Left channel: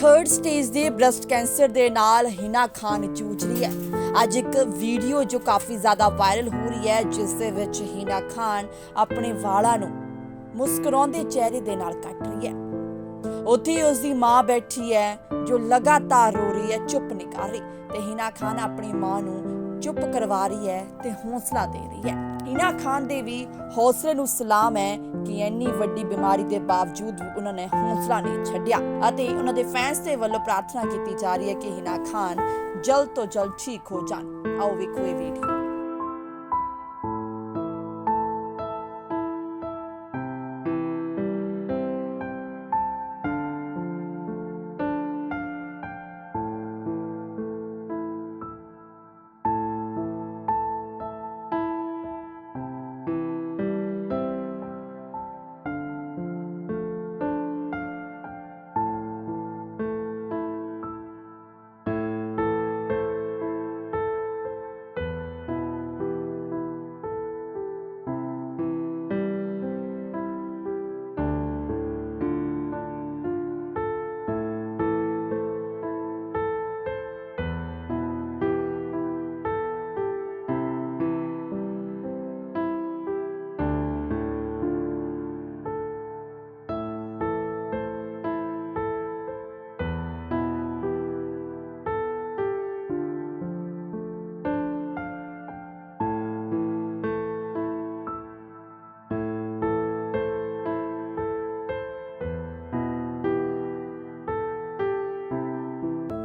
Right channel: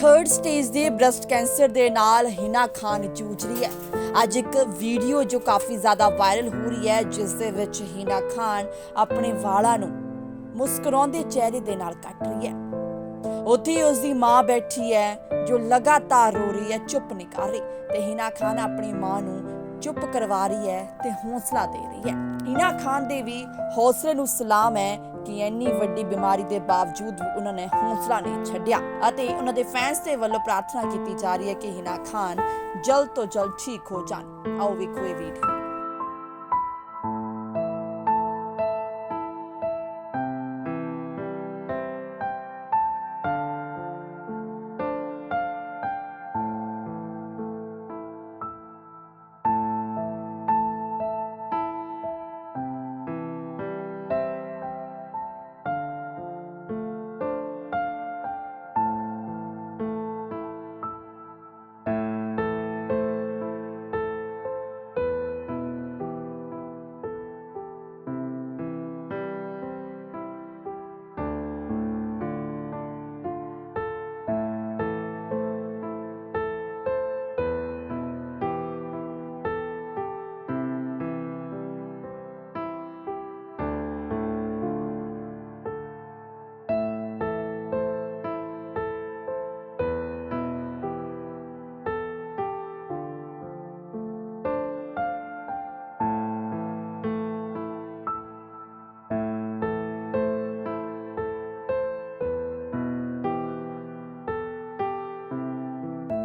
Third stage ਦੇ breast cancer ਦੇ ਨਾਲ ਹਿਨਾ ਖਾਨ ਜੂਝ ਰਹੀ ਹੈ। ਅੱਜ ਇੱਕ ਵੀਡੀਓ ਜੋ ਕਾਫੀ ਜ਼ਿਆਦਾ ਵਾਇਰਲ ਹੋ ਰਹੀ ਹੈ, ਜਿਸ ਦੇ ਵਿੱਚ ਹਿਨਾ ਖਾਨ ਆਪਣੇ ਵਾਲਾਂ ਨੂੰ ਮੁਸਕਰਾਉਂਦੇ ਚਿਹਰੇ ਦੇ ਨਾਲ ਕੱਟ ਰਹੀ ਹੈ। ਉੱਥੇ ਹੀ ਉਸ ਦੀ ਮਾਂ ਬੈਠੀ ਹੈ, ਜੋ ਲਗਾਤਾਰ ਰੋ ਰਹੀ ਹੈ, ਚੁੱਪ ਨਹੀਂ ਕਰ ਰਹੀ। ਤੇ ਹਿਨਾ ਖਾਨ ਆਪਣੀ ਮਾਂ ਨੂੰ ਚੁੱਪ ਕਰਵਾ ਰਹੀ ਹੈ ਤੇ ਹੌਸਲਾ ਦੇ ਰਹੀ ਹੈ। ਹਿਨਾ ਖਾਨ ਦੇ ਵੀ ਹੌਸਲੇ ਨੂੰ ਸਲਾਮ ਹੈ ਕਿ ਇੰਨੀ ਵੱਡੀ ਬਿਮਾਰੀ ਦੇ ਬਾਵਜੂਦ ਵੀ ਉਹਨਾਂ ਨੇ ਹੌਸਲਾ ਨਹੀਂ ਛੱਡਿਆ ਅਤੇ ਉਹਨਾਂ ਦੇ ਫੈਨਸ ਦੇ ਵੱਲੋਂ ਪ੍ਰਾਰਥਨਾ ਕੀਤੀ ਜਾ ਰਹੀ ਹੈ ਕਿ ਹਿਨਾ ਖਾਨ ਜਲਦ ਤੋਂ ਜਲਦ ਠੀਕ ਹੋ ਜਾਣ। ਆਓ ਵੇਖੋ ਇਹ ਵੀਡੀਓ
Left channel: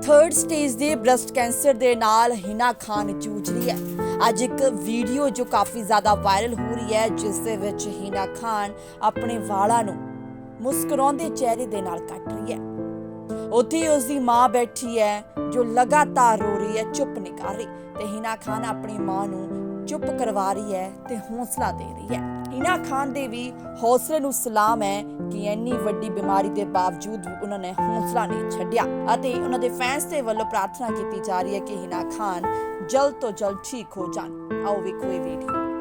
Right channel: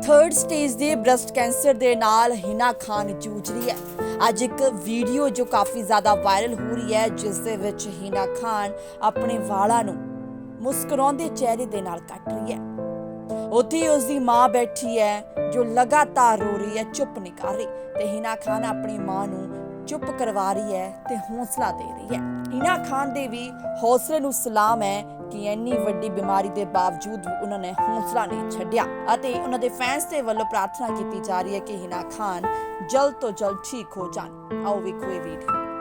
ਥਰਡ ਸਟੇਜ ਦੇ ਬ੍ਰੈਸਟ ਕੈਂਸਰ ਦੇ ਨਾਲ ਹਿਨਾ ਖਾਨ ਜੂਝ ਰਹੀ ਹੈ। ਅੱਜ ਇੱਕ ਵੀਡੀਓ ਜੋ ਕਾਫੀ ਜ਼ਿਆਦਾ ਵਾਇਰਲ ਹੋ ਰਹੀ ਹੈ, ਜਿਸ ਦੇ ਵਿੱਚ ਹਿਨਾ ਖਾਨ ਆਪਣੇ ਵਾਲਾਂ ਨੂੰ ਮੁਸਕਰਾਉਂਦੇ ਚਿਹਰੇ ਦੇ ਨਾਲ ਕੱਟ ਰਹੀ ਹੈ। ਉੱਥੇ ਹੀ ਉਸ ਦੀ ਮਾਂ ਬੈਠੀ ਹੈ, ਜੋ ਲਗਾਤਾਰ ਰੋ ਰਹੀ ਹੈ, ਚੁੱਪ ਨਹੀਂ ਕਰ ਰਹੀ। ਤੇ ਹਿਨਾ ਖਾਨ ਆਪਣੀ ਮਾਂ ਨੂੰ ਚੁੱਪ ਕਰਵਾ ਰਹੀ ਹੈ ਤੇ ਹੌਸਲਾ ਦੇ ਰਹੀ ਹੈ। ਹਿਨਾ ਖਾਨ ਦੇ ਵੀ ਹੌਸਲੇ ਨੂੰ ਸਲਾਮ ਹੈ ਕਿ ਇੰਨੀ ਵੱਡੀ ਬਿਮਾਰੀ ਦੇ ਬਾਵਜੂਦ ਵੀ ਉਹਨਾਂ ਨੇ ਹੌਸਲਾ ਨਹੀਂ ਛੱਡਿਆ ਅਤੇ ਉਹਨਾਂ ਦੇ ਫੈਨਸ ਦੇ ਵੱਲੋਂ ਪ੍ਰਾਰਥਨਾ ਕੀਤੀ ਜਾ ਰਹੀ ਹੈ ਕਿ ਹਿਨਾ ਖਾਨ ਜਲਦ ਤੋਂ ਜਲਦ ਠੀਕ ਹੋ ਜਾਣ। ਆਓ ਵੇਖੋ ਇਹ ਵੀਡੀਓ